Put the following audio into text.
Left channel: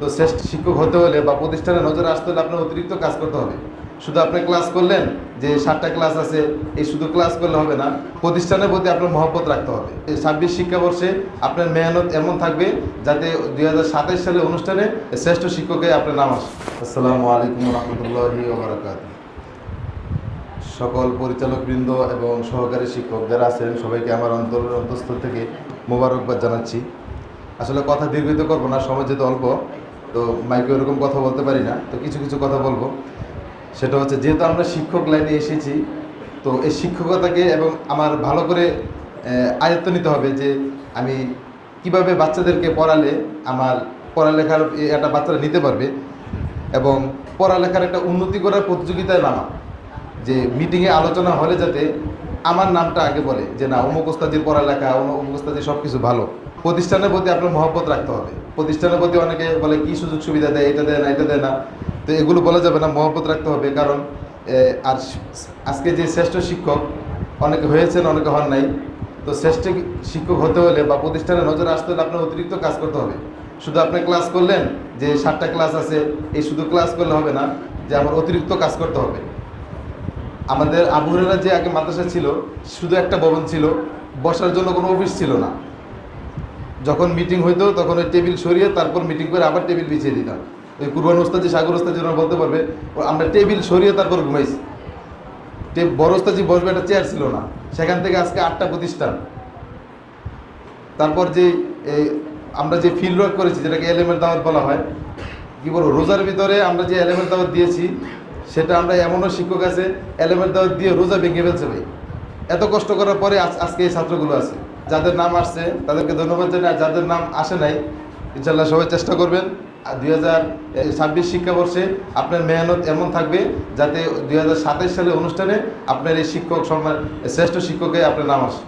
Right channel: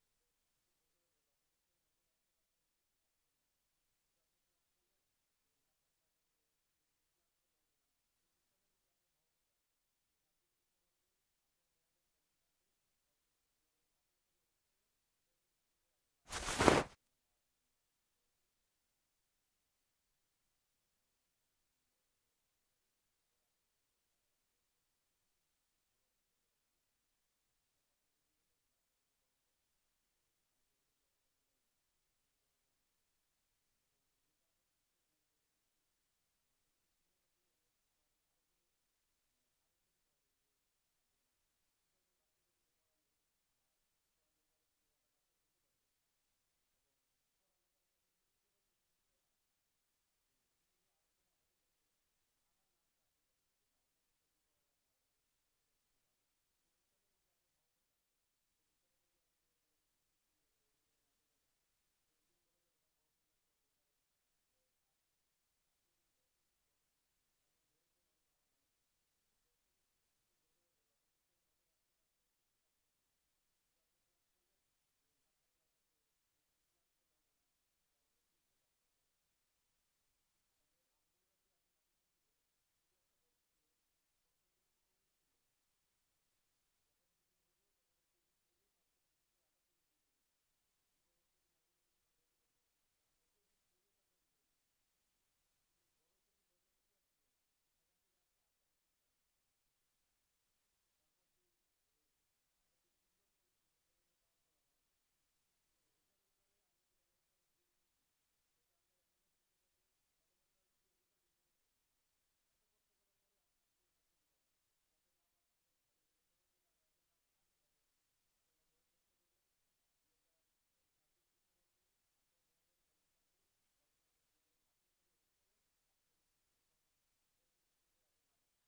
তো শ্রেষ্ঠ শিক্ষক হতে হলে বা প্রতিষ্ঠানে নজরে আসতে হলে আপনার অতিরিক্ত কাজ করতে হবে। শুধু আপনি ক্লাস করলেন, যে 7টা ক্লাস আছে, এই শুধু ক্লাস করলে হবে না, প্রতিষ্ঠানের প্রতি আপনার মহব্বত রাখতে হবে। এই 26 শিক্ষাবর্ষে আপনার মেহনত এমন থাকবে যাতে 2027 সালের অনুষ্ঠানে শ্রেষ্ঠ শিক্ষকে আপনার নাম আসে। আসসালামু আলাইকুম রহমতুল্লাহি ওয়া বারাকাতুহু। সকল পরিচালকবৃন্দ এবং সহকারী শিক্ষক যারা আছেন সবাইকে আমার অন্তঃস্থল থেকে মোবারকবাদ জানাচ্ছি। আসলে কথা দীর্ঘিত করবো না, সময় যেহেতু অল্প, তো মাইকে ওরকম কথা বলতে পারি না, তো কিছু কিছু কথা বলবো। সেটা হচ্ছে, যেহেতু আমরা শিক্ষক লাইনে এসেছি, তো এই শিক্ষকতাকে এবং আমার ভালো করে আয়ত্ত নিতে হবে যে আমি কিভাবে বাচ্চাদেরকে পড়ালে আমার পড়ালেখার একটা বাচ্চারা নিতে পারবে, এবং পড়ালেখার একটা উন্নতি করার প্রতিযোগিতায় নামা, যে মিটিংয়ে আলোচনা হলে যাতে আমার নামটা আগে বলে যে না, অমুক ওস্তাদির পড়ালেখা, অমুক ওস্তাদির সব কিছু ভালো। প্রতিষ্ঠানের প্রতি আপনার মহব্বত রাখতে হবে। প্রতিষ্ঠানের প্রতি অনেকে বলে কি সুযোগ সুবিধা দেয়, এটা দেয় না, এটা দেয় না, তো এগুলো বলা যাবে না, মহব্বত রাখতে হবে। কারণ আর আজকে যে শ্রেষ্ঠ শিক্ষক অনেকে হয়েছেন, অনেকে হন নাই। তো শ্রেষ্ঠ শিক্ষক হতে হলে বা প্রতিষ্ঠানে নজরে আসতে হলে আপনার অতিরিক্ত কাজ করতে হবে। শুধু আপনি ক্লাস করলেন, যে 7টা ক্লাস আছে, এই শুধু ক্লাস করলে হবে না, যে আমার অতিরিক্ত কাজ করতে হবে। আমাদের আবু হুরায়রা যে আগে মাদ্রাসা ছিল, শুধু একটা ভবন ছিল, বসার জন্য কোনো অফিস ছিল না। যখন মিটিং হইতো তখন ওই টেবিল সরিয়ে তারপর মিটিং করে আবার টেবিল বিছিয়ে দিতাম। ওই কুরবান ওস্তাজি, সাগর ওস্তাজি ওরা বলতে পারবে, আমরা টেবিল সরিয়ে তারপর ঘুমাইছি। বড় ওস্তাজি বসবে, একটা চেয়ার ছিল না। সেখান থেকে আজকে 8টা প্রতিষ্ঠান। তারপর যে এই আমরা যে ফিল্ড ওয়ার্ক করেছি, যেটাকে এলেমের দাওয়াত বলা হয়, কি বলবো, রোজার ভিতরে আমরা যে এলেমের দাওয়াত দিয়েছি, সেটা আমরা এমনও শিক্ষক আছে এলেমের দাওয়াত দিয়ে রোজা ভেঙে ফেলছে ভাই। এত কষ্ট করার পরে আজকে এই ছাত্রগুলো আছে। যাদের নাম আসছে তাদেরকে ধন্যবাদ জানাই, আর যাদের নাম আসে নাই, ইনশাল্লাহ সবাই চেষ্টা করবেন 2026 শিক্ষাবর্ষে আপনার মেহনত এমন থাকবে যাতে 2027 সালের অনুষ্ঠানে আপনার এই শিক্ষক সম্মান শ্রেষ্ঠ শিক্ষকে আপনার নাম আসে।